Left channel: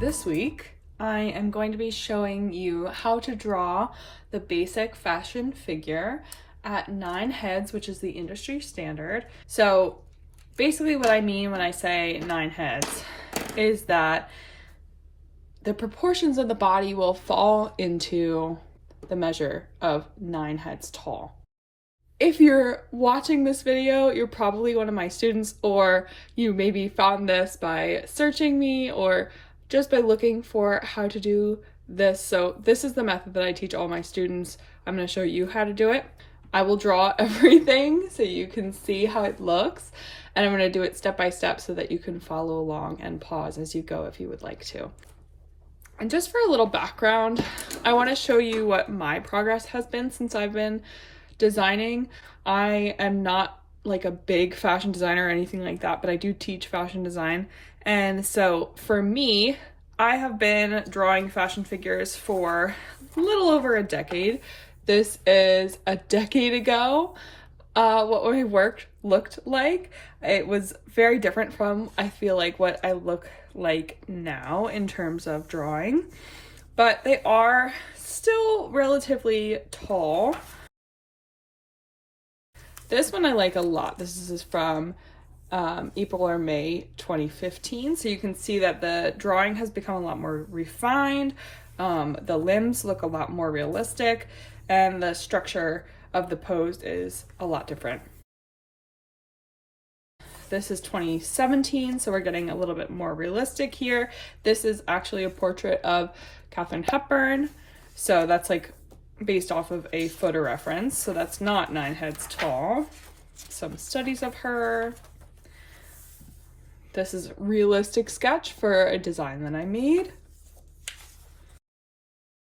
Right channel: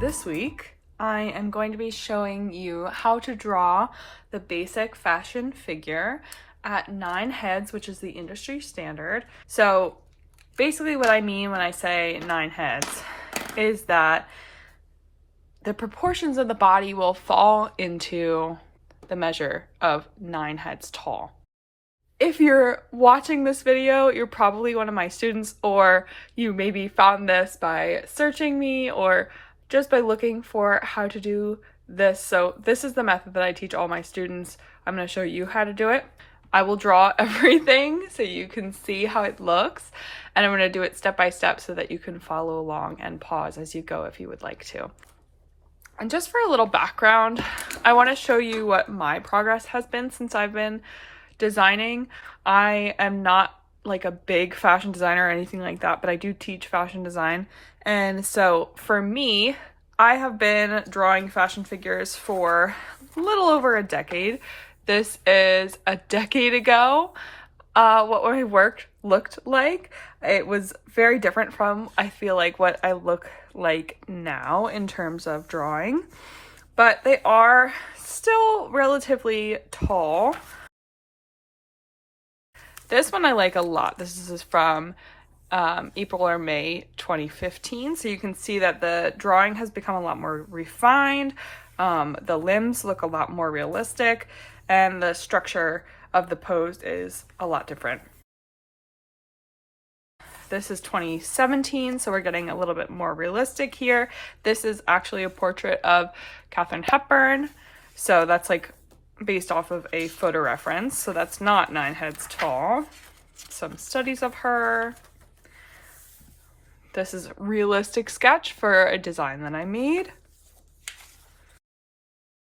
This week, I am going to be showing you how to draw the basic fashion figure at 9 heads, which is the industry standard. So basically what I mean when I say 9 heads is that the proportions of the body will fall into the measure of 9 heads tall. If you're watching this video, you're probably one of my students, or you maybe found this by searching me or just by looking for how to do this. So this is the method that I teach all my students. I'm going to show you how to do it. I will draw everything so you can see how it looks, and I'm going to do it step by step so that you can follow along and pause as you go if you would like to. And just for a little background, I want to show you what my progress has been since I've been designing. I am not like a big fashion designer or anything like that, but I do teach fashion design. And so for me, I have been drawing fashion figures for a little over a decade. This is a decade ago. What my work looked like. It was very different from, I feel like, what I look like now in terms of drawing, but they are still relatively tall. This one I like a lot. This is from April or May 2015. So you can see that the drawing has become a lot more refined. The limbs look a lot more realistic, and the structure of the pose is a lot different. This is 2017, so we're getting a little bit more realistic here. This is actually a portrait of Katharine Hepburn. So that's like based off of a photo reference. So that's not 9 heads tall. Some studies of her. This is a realistic sketch for a design that I made.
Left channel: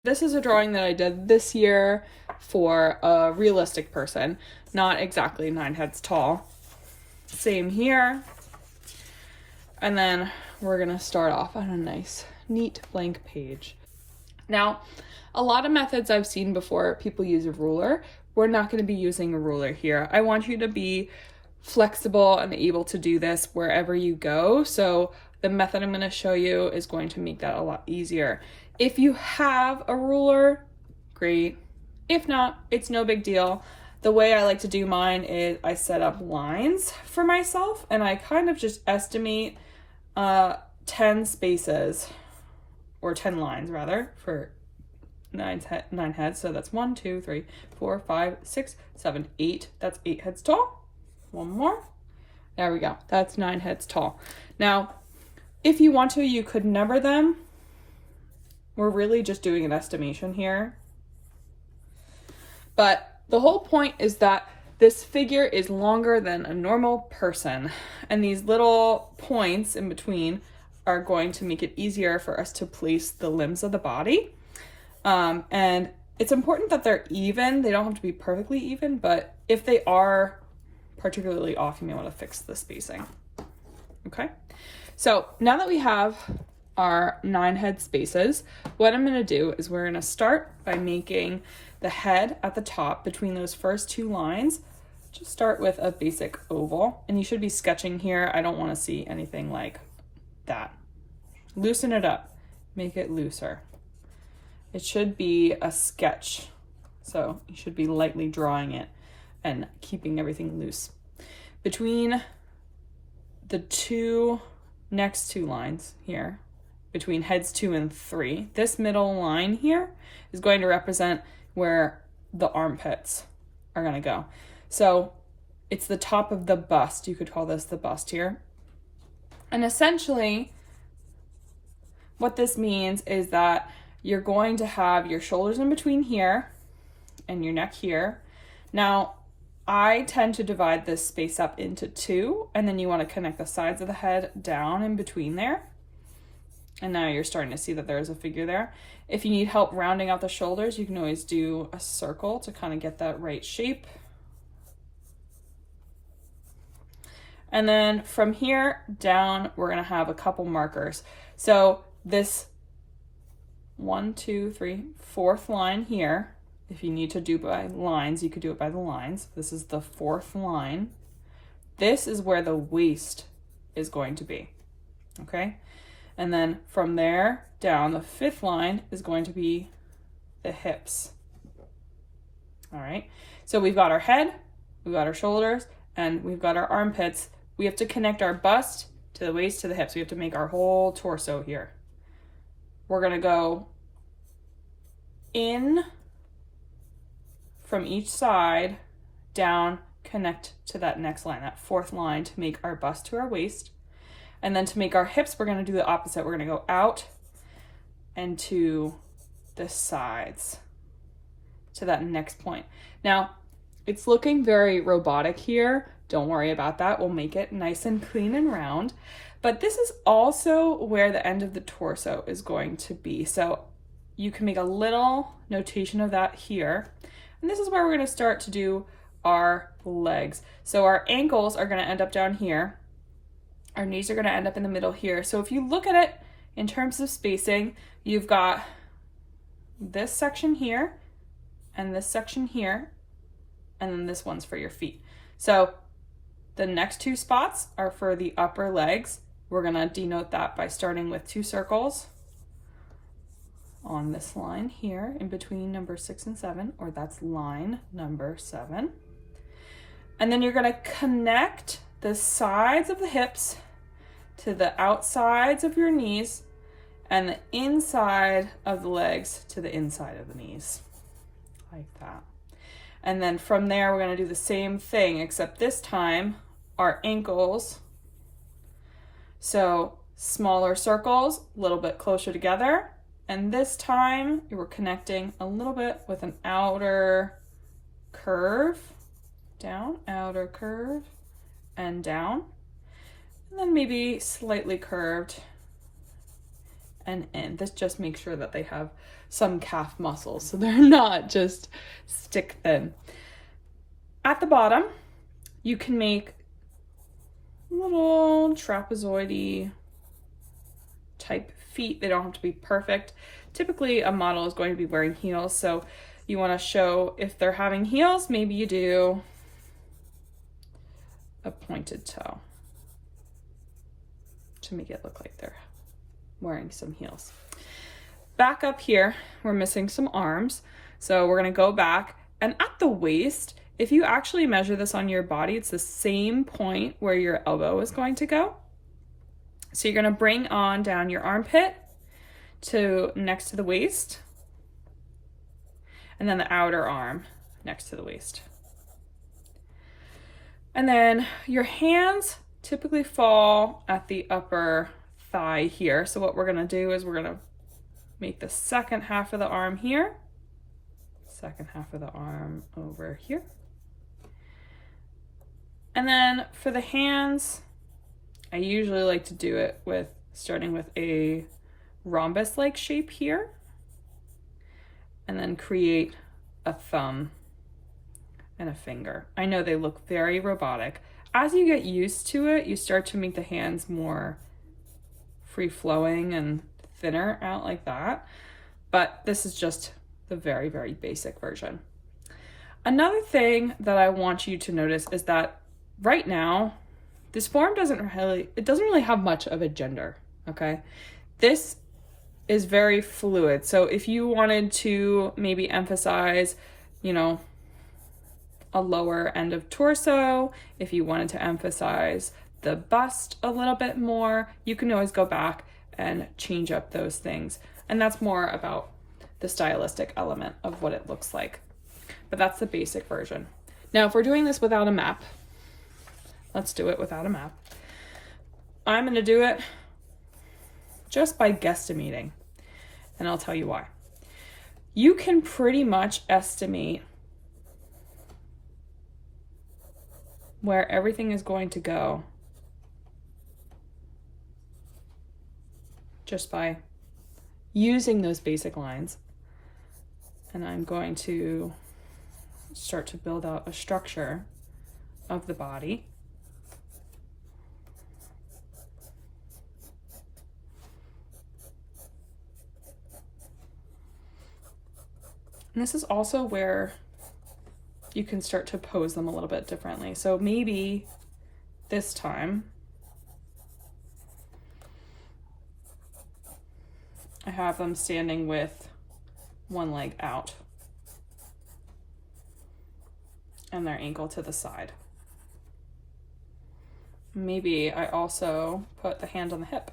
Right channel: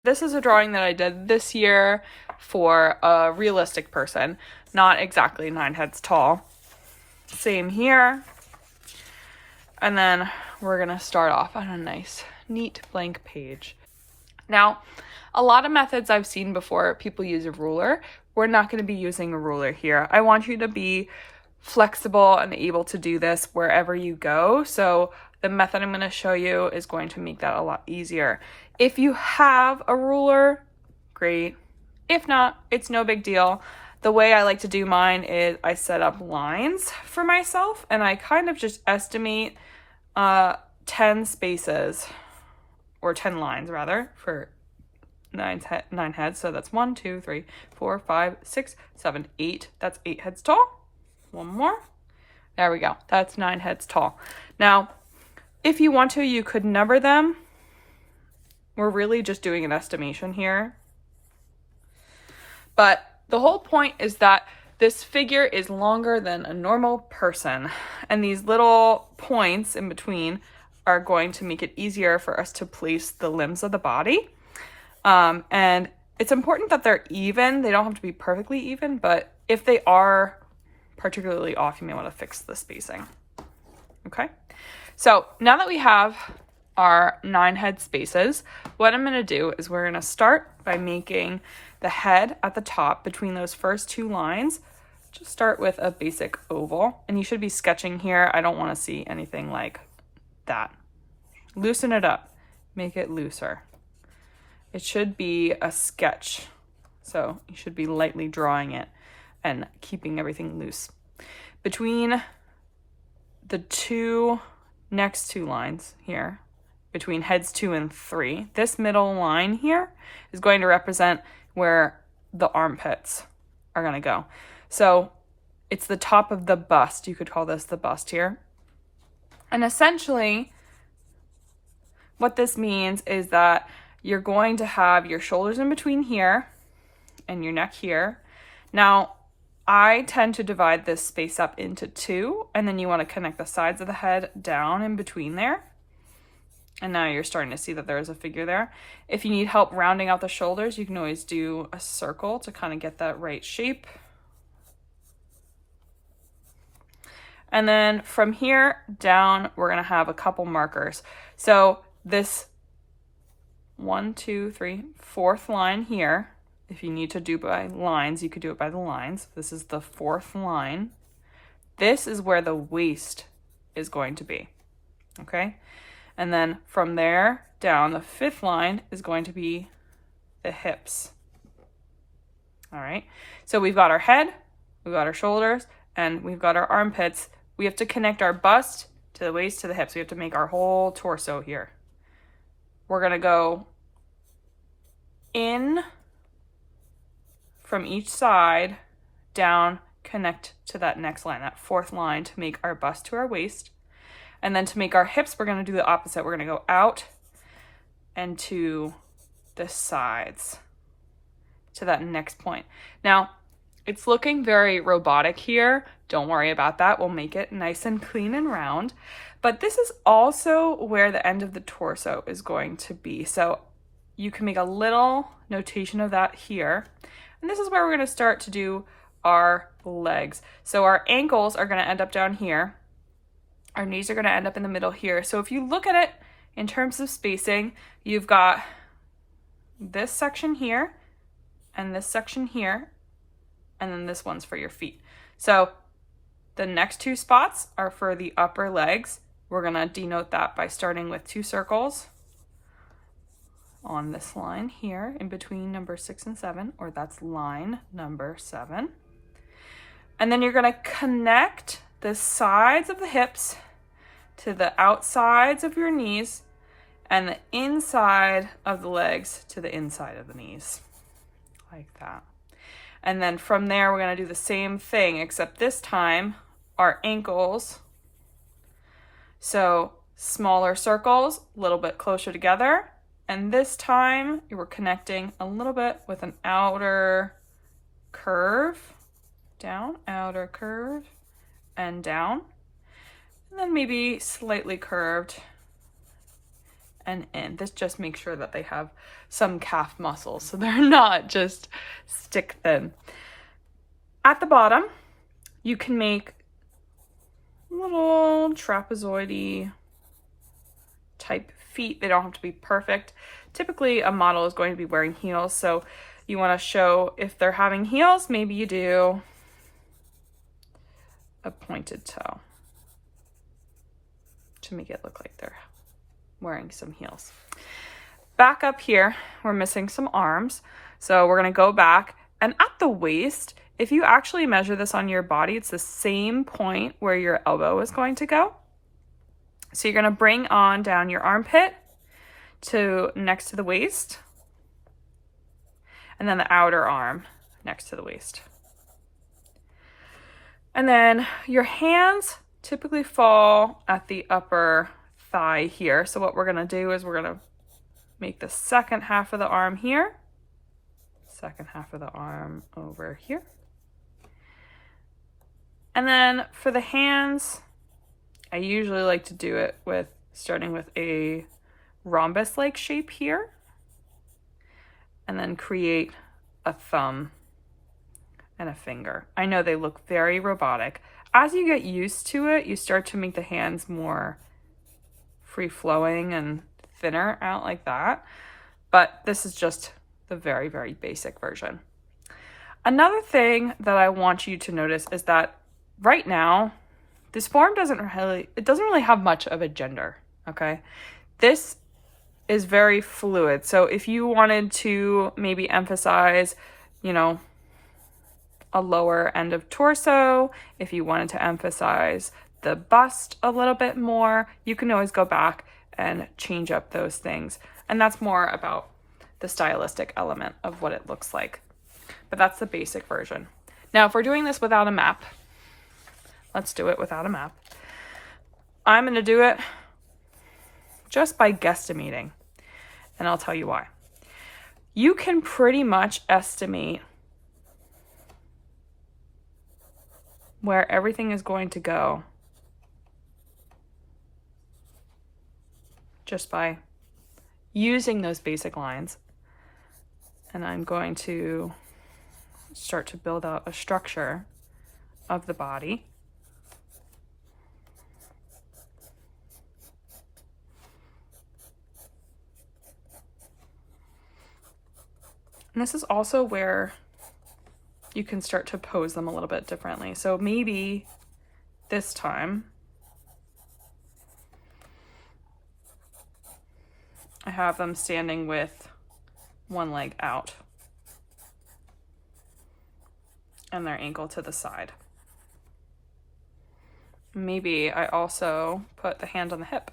This is a drawing that I did this year for a realistic person, not exactly 9 heads tall. Same here. And then we're gonna start off on a nice, neat blank page. Now, a lot of methods I've seen before, people use a ruler. We're not gonna be using a ruler here. I want you to be flexible and able to do this wherever you go. So the method I'm gonna show you is going to make that a lot easier. If you have a ruler, great. If not, it's no big deal. The way I like to do mine is I set up lines for myself, and I kind of just estimate 10 spaces, or 10 lines rather, for 9 heads. So that's 1, 2, 3, 4, 5, 6, 7, 8. That's 8 heads tall. One more. There we go. That's 9 heads tall. Now, if you want to, you could number them. We're really just doing an estimation here. But the whole point is that this figure is longer than a normal person, and these little points in between are going to make it easier for us to place the limbs of the body. And it's important that they're even. They don't have to be perfectly even, but if they are particularly off, you may want to fix the spacing. Okay, so now that we have our 9 head spaces, what I'm going to do is we're going to start by making the head at the top between those first 2 lines. Just start with a basic oval, and you should be sketching here. I don't want to see anything like that. Loosen it up, make it looser. It should be a sketch, so you should be lightly drawing it and keeping everything loose. Between the next two lines here, between heads 2 and 3, this middle line here is going to represent where the armpits are going to go. So it's the top of the bust. You could call this the bust here. And essentially what this means is that you're going to have your shoulders in between here and your neck here. Now, I tend to divide this space up into 2, and then you want to connect the sides of the head down in between there. And now you're starting to see that there is a figure there. If you need help rounding out the shoulders, you can always do a circle to kind of get that right shape. And then from here down, we're going to have a couple markers. So this 1, 2, 3, 4th line here, if you need to do by lines, you could do it by the lines. This is the 4th line. This is where the waist is going to be, okay? And then from there down, the 5th line is going to be the hips. All right, so we've got our head, we've got our shoulders, and we've got our armpits. We have to connect our bust to the waist to the hips. We have to make our whole torso here. We're gonna go in from each side, down, connect to that next line, that 4th line, to make our bust to our waist. And then to make our hips, we're gonna do the opposite. We're gonna go out and to the sides, to that next point. Now, it's looking very robotic here. Don't worry about that. We'll make it nice and clean and round. But this is also where the end of the torso is going to be. So you can make a little notation of that here. And this is where we're gonna start to do our legs. So our ankles are gonna end up down here. Our knees are gonna end up in the middle here. So if you look at it in terms of spacing, you've got this section here and this section here, and then this one's for your feet. So the next 2 spots are for the upper legs. We're gonna denote that by starting with 2 circles on this line here in between number 6 and 7, or that's line number 7. And then you're gonna connect the sides of the hips to the outsides of your knees and the inside of the legs to the inside of the knees, like that. And then from there, we're gonna do the same thing, except this time, our ankles. So smaller circles, a little bit closer together. And this time, you were connecting a little bit with an outer curve, down, outer curve, and down. And then maybe slightly curved and in. This just makes sure that they have some calf muscles, so they're not just stick thin. At the bottom, you can make little trapezoid-y type feet. They don't have to be perfect. Typically, a model is going to be wearing heels, so you want to show if they're having heels, maybe you do a pointed toe to make it look like they're wearing some heels. Back up here, we're missing some arms. So we're gonna go back, and at the waist, if you actually measure this on your body, it's the same point where your elbow is going to go. So you're gonna bring on down your armpit to next to the waist, and then the outer arm next to the waist. And then your hands typically fall at the upper thigh here. So what we're gonna do is we're gonna make the second half of the arm here, second half of the arm over here. And then for the hands, I usually like to do it with starting with a rhombus-like shape here, and then create a thumb and a finger. I know they look very robotic. As you get used to it, you start to make the hands more free-flowing and thinner out like that. But this is just the very, very basic version. Another thing that I want you to notice is that right now, this form doesn't really have much of a gender, okay? This is very fluid. So if you wanted to maybe emphasize, you know, a lower end of torso, if you wanted to emphasize the bust a little bit more, you can always go back and change up those things. And that's more about the stylistic element of what it looks like. But that's the basic version. Now, if we're doing this without a map, let's do it without a map. I'm gonna do it just by guesstimating, and I'll tell you why. You can pretty much estimate where everything is going to go just by using those basic lines. And I'm going to start to build out a structure of the body. And this is also where you can start to pose them a little bit differently. So maybe this time I have them standing with one leg out and their ankle to the side. Maybe I also put the hand on the hip.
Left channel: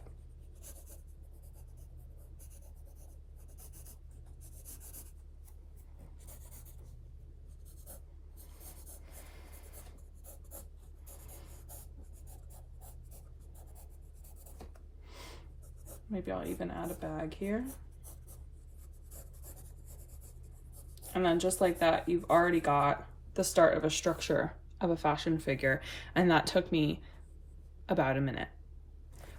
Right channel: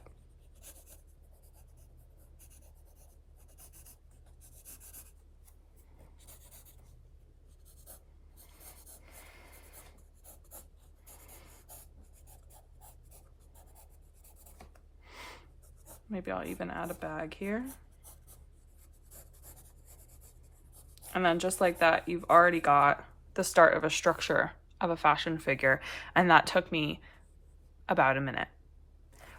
Maybe I'll even add a bag here. And then just like that, you've already got the start of a structure of a fashion figure. And that took me about a minute.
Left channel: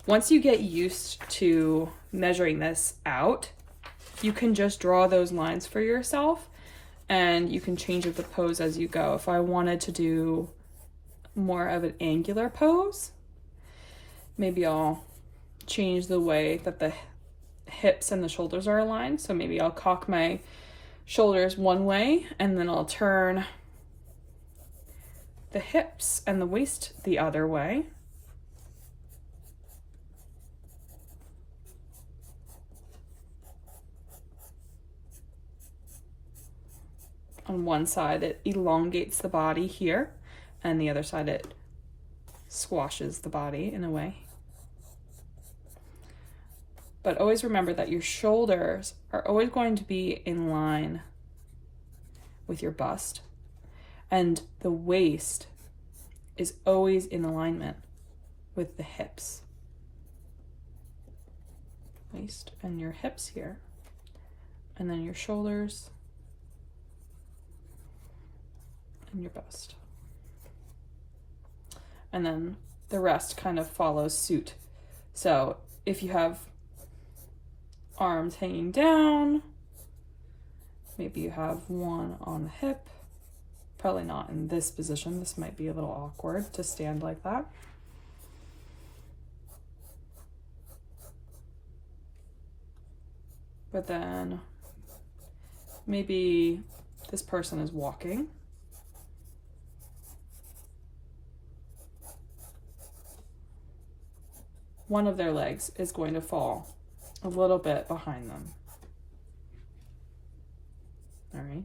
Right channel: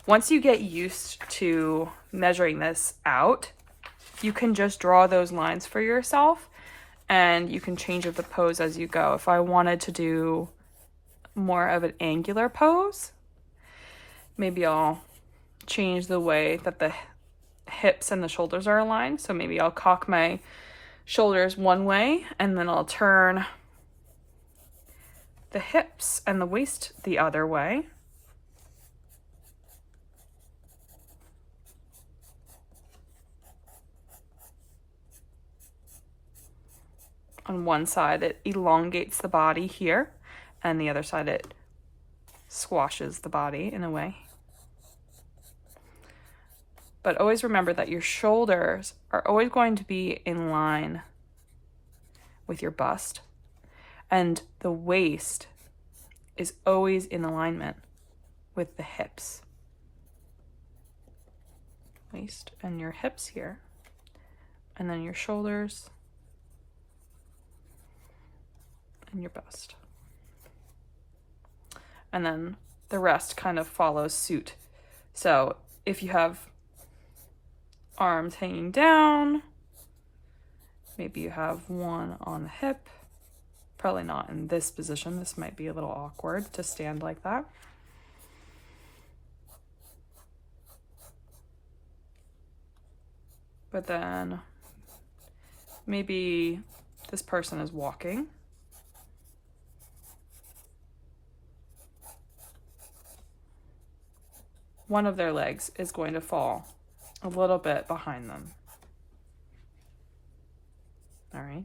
Once you get used to measuring this out, you can just draw those lines for yourself and you can change the pose as you go. If I wanted to do more of an angular pose, maybe I'll change the way that the hips and the shoulders are aligned. So maybe I'll cock my shoulders one way and then I'll turn the hips and the waist the other way. On one side, it elongates the body here, and the other side, it squashes the body in a way. But always remember that your shoulders are always going to be in line with your bust, and the waist is always in alignment with the hips. Waist and your hips here, and then your shoulders and your bust. And then the rest kind of follows suit. So if you have arms hanging down, maybe you have one on the hip, probably not in this position. This might be a little awkward to stand like that. But then maybe this person is walking. One of their legs is going to fall a little bit behind them. All right.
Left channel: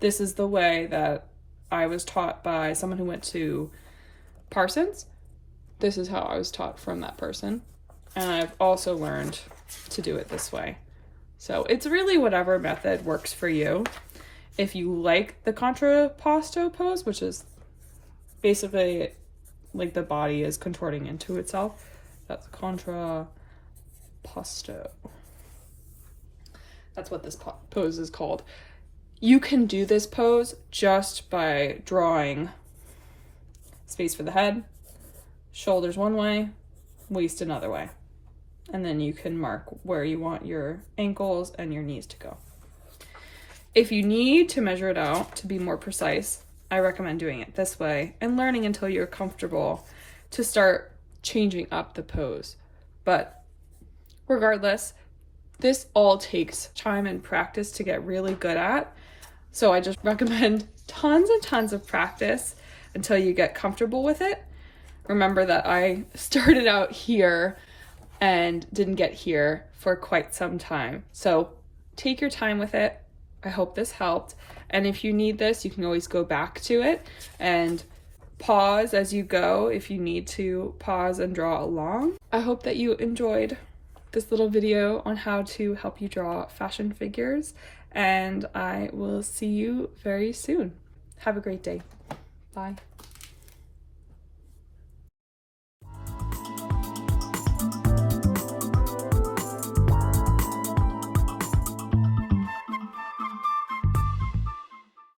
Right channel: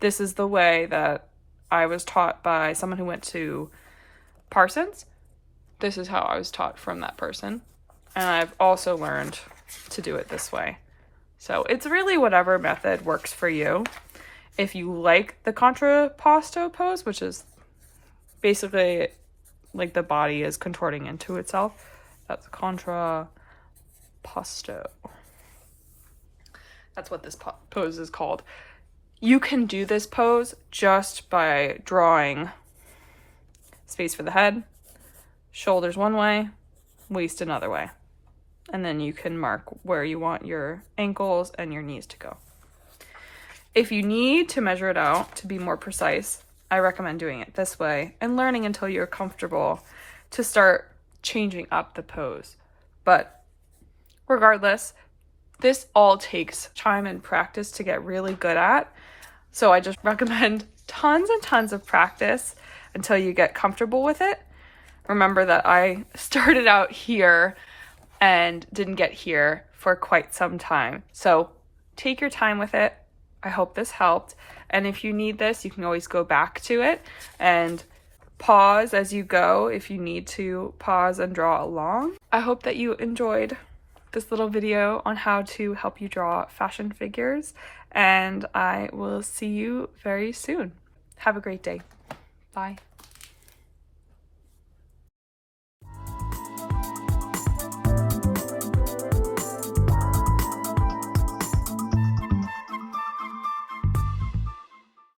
This is the way that I was taught by someone who went to Parsons. This is how I was taught from that person. And I've also learned to do it this way. So it's really whatever method works for you. If you like the contrapposto pose, which is basically like the body is contorting into itself, that's contrapposto. That's what this pose is called. You can do this pose just by drawing space for the head, shoulders one way, waist another way. And then you can mark where you want your ankles and your knees to go. If you need to measure it out to be more precise, I recommend doing it this way and learning until you're comfortable to start changing up the pose. But regardless, this all takes time and practice to get really good at. So I just recommend tons and tons of practice until you get comfortable with it. Remember that I started out here and didn't get here for quite some time. So take your time with it. I hope this helped. And if you need this, you can always go back to it and pause as you go if you need to pause and draw along. I hope that you enjoyed this little video on how to help you draw fashion figures, and I will see you very soon. Have a great day. Bye.